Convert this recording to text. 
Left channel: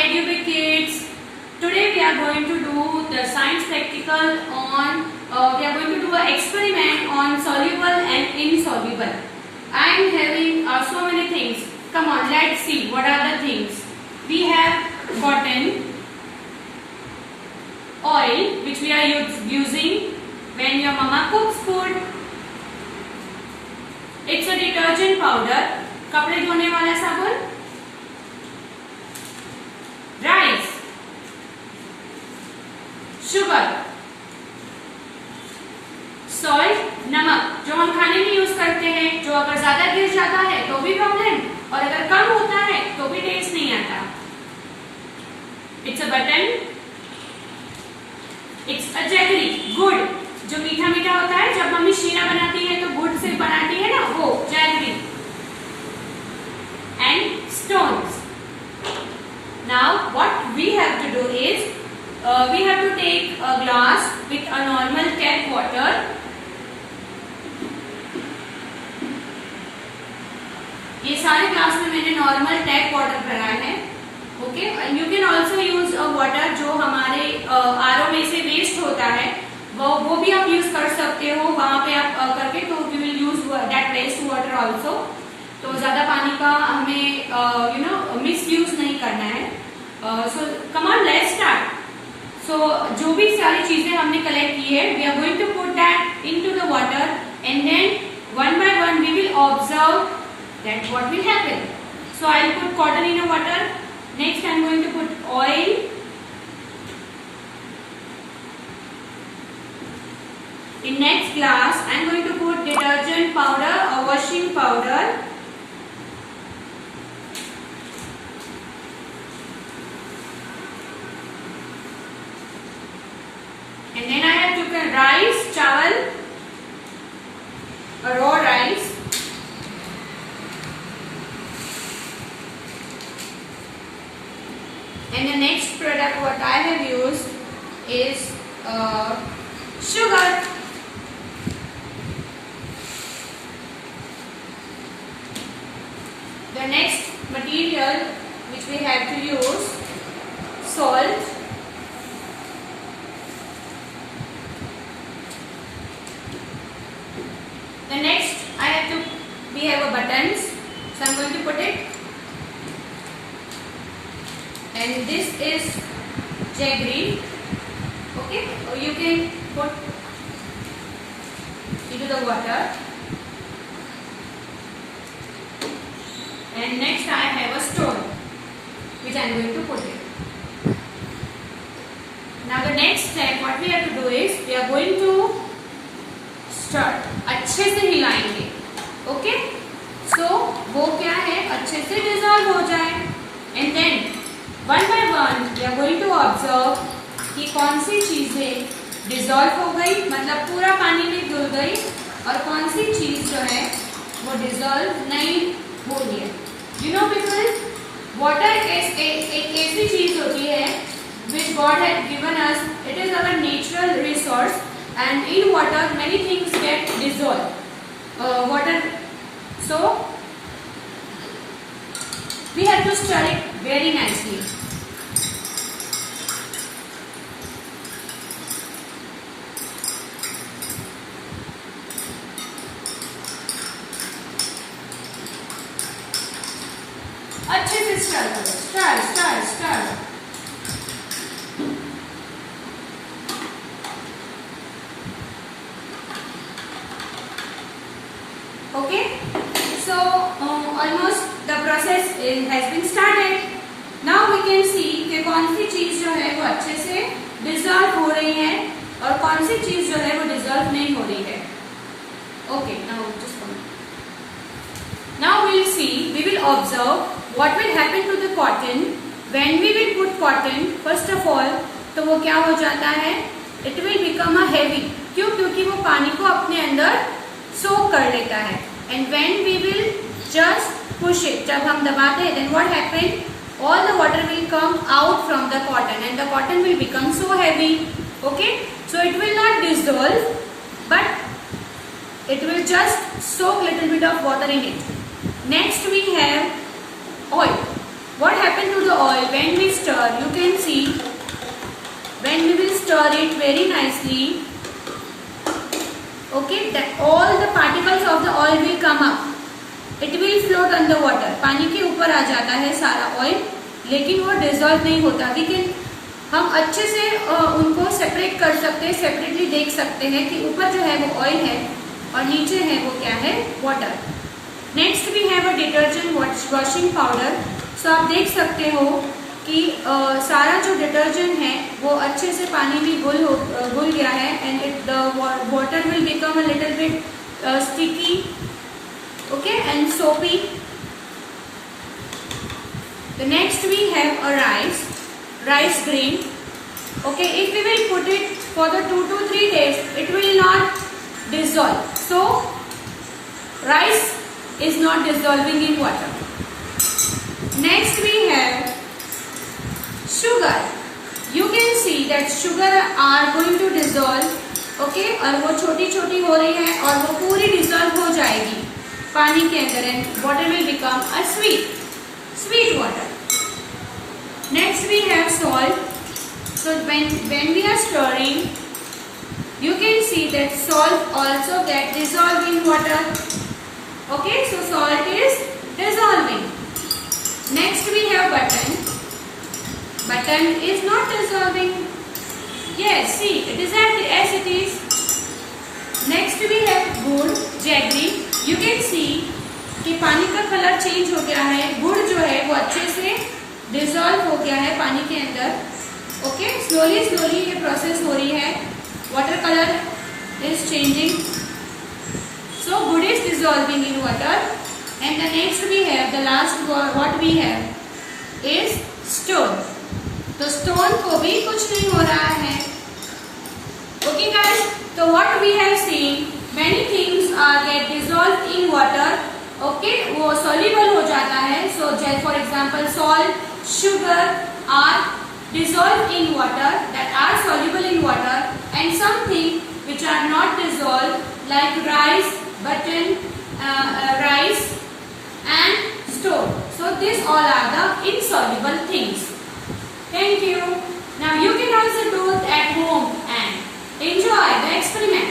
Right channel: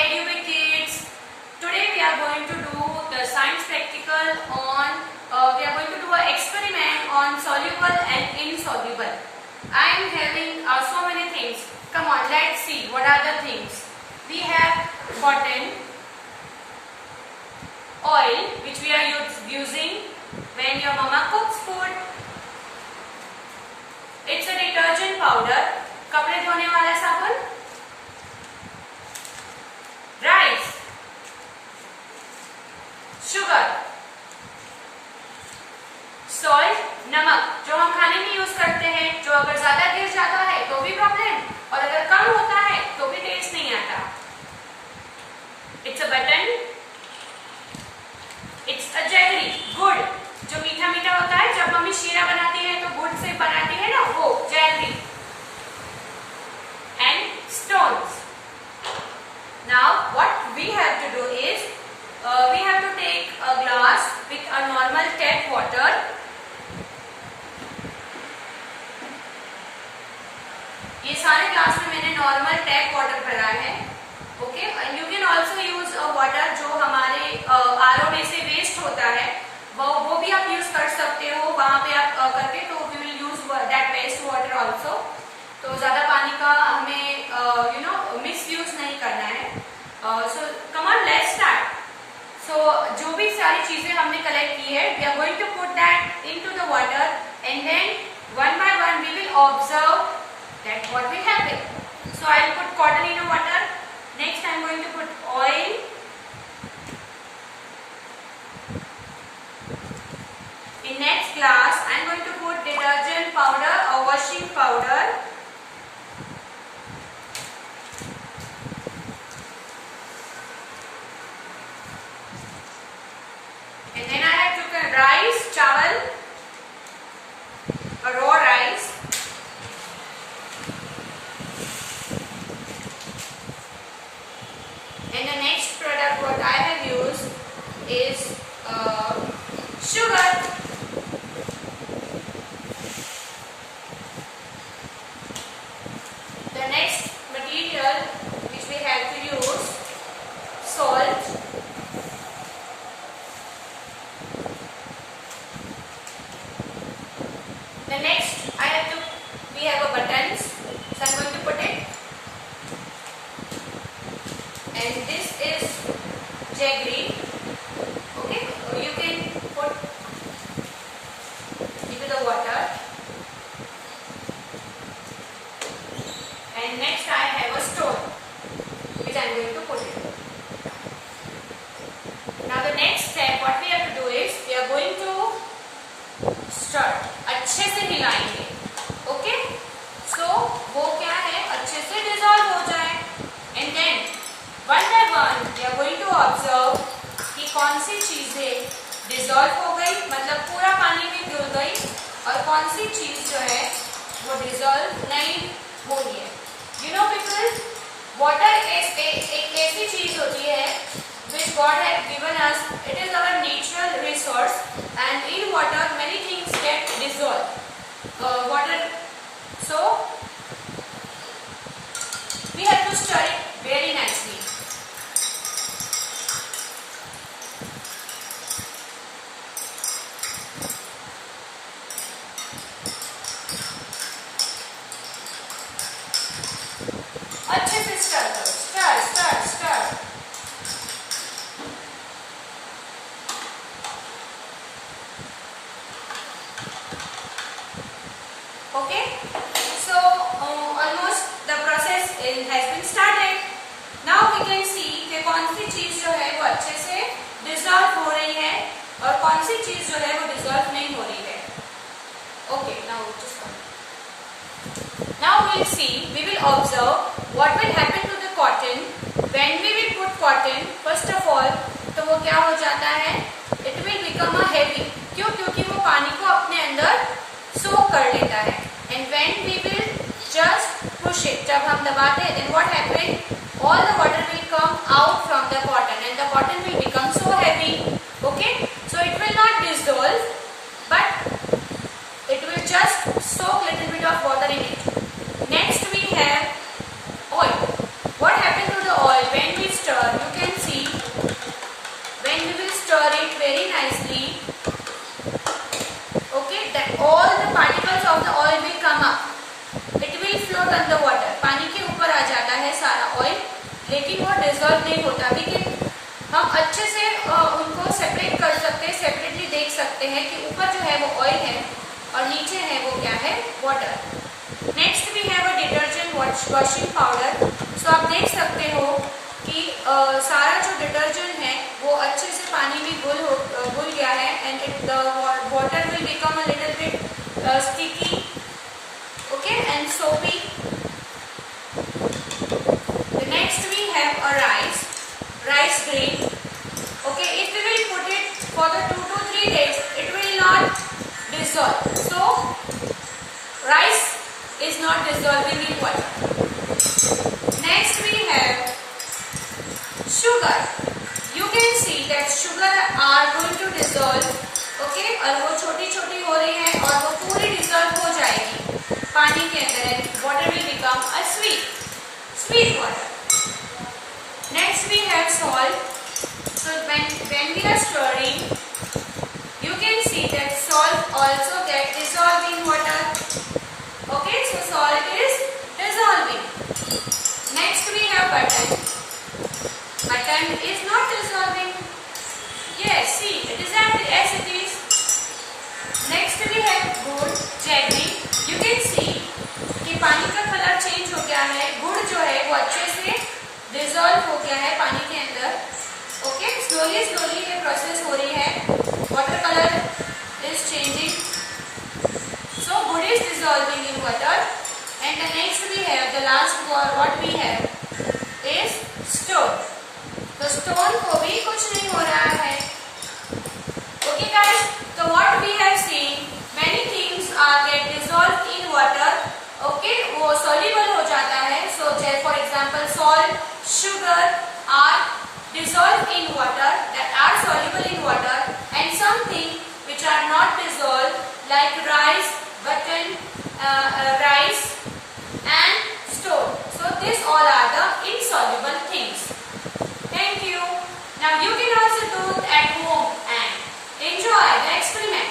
EduBit Kids. Today we are going to do the science practical on, we are going to do an experiment on soluble and insoluble. I am having so many things. Come on, let's see what are the things. We have cotton, oil which we are using when your mama cooks food. It's a detergent powder, कपड़े धोने वाला साबुन, rice, sugar, salt, नमक जो हम खाने में यूज करते हैं, जो अगर ज्यादा गिर जाता है तो भी प्रॉब्लम और अगर कम होता है तो भी टेस्ट नहीं आता. It's a button, it's a jaggery, गुड़ जो मीठा मीठा होता है, जब मम्मी शीरा बनाती है तो गुड़ से बनाती है ना, वो jaggery. And stones. Now what we have to do is we have to take a glass with a normal tap water. ये सारे ग्लास में मैंने नॉर्मल टैप वाटर भरा है. Okay, and you can also use water जो हमारे आरओ में से वेस्ट होता है, वो भी आप यूज कर सकते हो. वहां पे आप करके तो we will use that waste water also. तो ज्यादा पानी का हमें मिस यूज नहीं करना है. So come on, let's start. So जो भी सारी चीजें हमने कलेक्ट की है, we are going to put that into the water and then one by one we will observe that what will happen. So I will put cotton in a water. Next I am going to put oil. In next glass, I am going to put detergent powder or washing powder. And then I have to rice, chawal, a raw rice. And the next product what I have used is sugar. The next material which we have to use, salt, the next we have a buttons, so I'm going to put it, and this is jaggery. Okay, or you can put into the water. And next I have a stone which I am going to put it. Now the next step what we have to do is we are going to stir. अच्छे से हिलाएंगे. ओके, सो वो क्या है, अच्छे से dissolve हो जाए. And then one by one we are going to observe कि कौन सी चीजें डिजॉल्व हो गई, मतलब पूरा पानी में घुल गई, और कौन सी चीज जो है वो डिजॉल्व नहीं हो रही है. You know people, water is एक ऐसी चीज होती है which God has given us. It is our natural resource, and in water many things get dissolved. Water, so we have to stir it very nicely. अच्छे से stir करो. Stir stir stir. Okay, so almost the process has been started. Now we can see कि कौन सी चीज जो है वो अच्छे से डिजॉल्व हो रही है और कौन सी चीज जो है वो डिजॉल्व नहीं हो रही है. Okay, now just now we will see, we will observe what will happen to the cotton when we will put cotton. First of all, तो वो क्या हो जाता है, it will become a heavy. क्यों? क्योंकि वो पानी को अपने अंदर सोख कर लेता है. And when we will just push it, जब हम दबाते हैं, then what happen? All the water will come out from the cotton and the cotton will become so heavy. Okay, so it will not dissolve, but it will just soak little bit of water in it. Next we have oil. What happens? happen to the oil when we stir? You can see when we will stir it very nicely, okay, that all the particles of the oil will come up. It will float on the water. पानी के ऊपर आ जाता है सारा ऑयल, लेकिन वो डिजोल्व नहीं होता। लेकिन हम अच्छे से उनको सेपरेट कर सकते हैं, सेपरेटली देख सकते हैं कि ऊपर जो है वो ऑयल है और नीचे है वो क्या है, water. Next we have a detergent washing powder. So आप देख सकते हो कि सारा जो डिटर्जेंट है वो अच्छे से पानी में घुल गया है, and the water will become a little bit sticky, okay, and soapy. The next we have a rice grain. Okay, if we will put it for the 2 to 3 days, it will not dissolve. So rice is not dissolving in water. Next we have sugar. You can see that sugar are going to dissolve. Okay, और वो छोटी छोटी हो रही है और वो पूरी डिजोल्व हो जाएगी पानी के अंदर, and water will become a sweet water. Next we have salt. So when we are stirring, you can see that salt also get dissolved in water. Okay, so salt is dissolving. Next we have button. Button is not dissolving. Yes, see, it is as it is. Next we have गुड़, jaggery. You can see कि पानी का colour change हो गया है, गुड़ जो है वो अच्छे से डिजोल्व हो गया है पानी के अंदर. ओके, स्लोली ये प्रोसेस हो रही है. Water colour is changing. So gur is dissolving in water. And the next we have the last what we have is stone. तो स्टोन को भी कुछ नहीं हो रहा है. ओके गाइस, तो what we have seen, many things are get dissolve in water. Okay, वो सॉल्युबल हो जाता है. So for example salt, sugar are dissolved in water, that are soluble in water, and something which are not dissolved like rice, button, rice and stone. So these all are the insoluble things. Thank you. Now you can also do it at home and enjoy the experiment.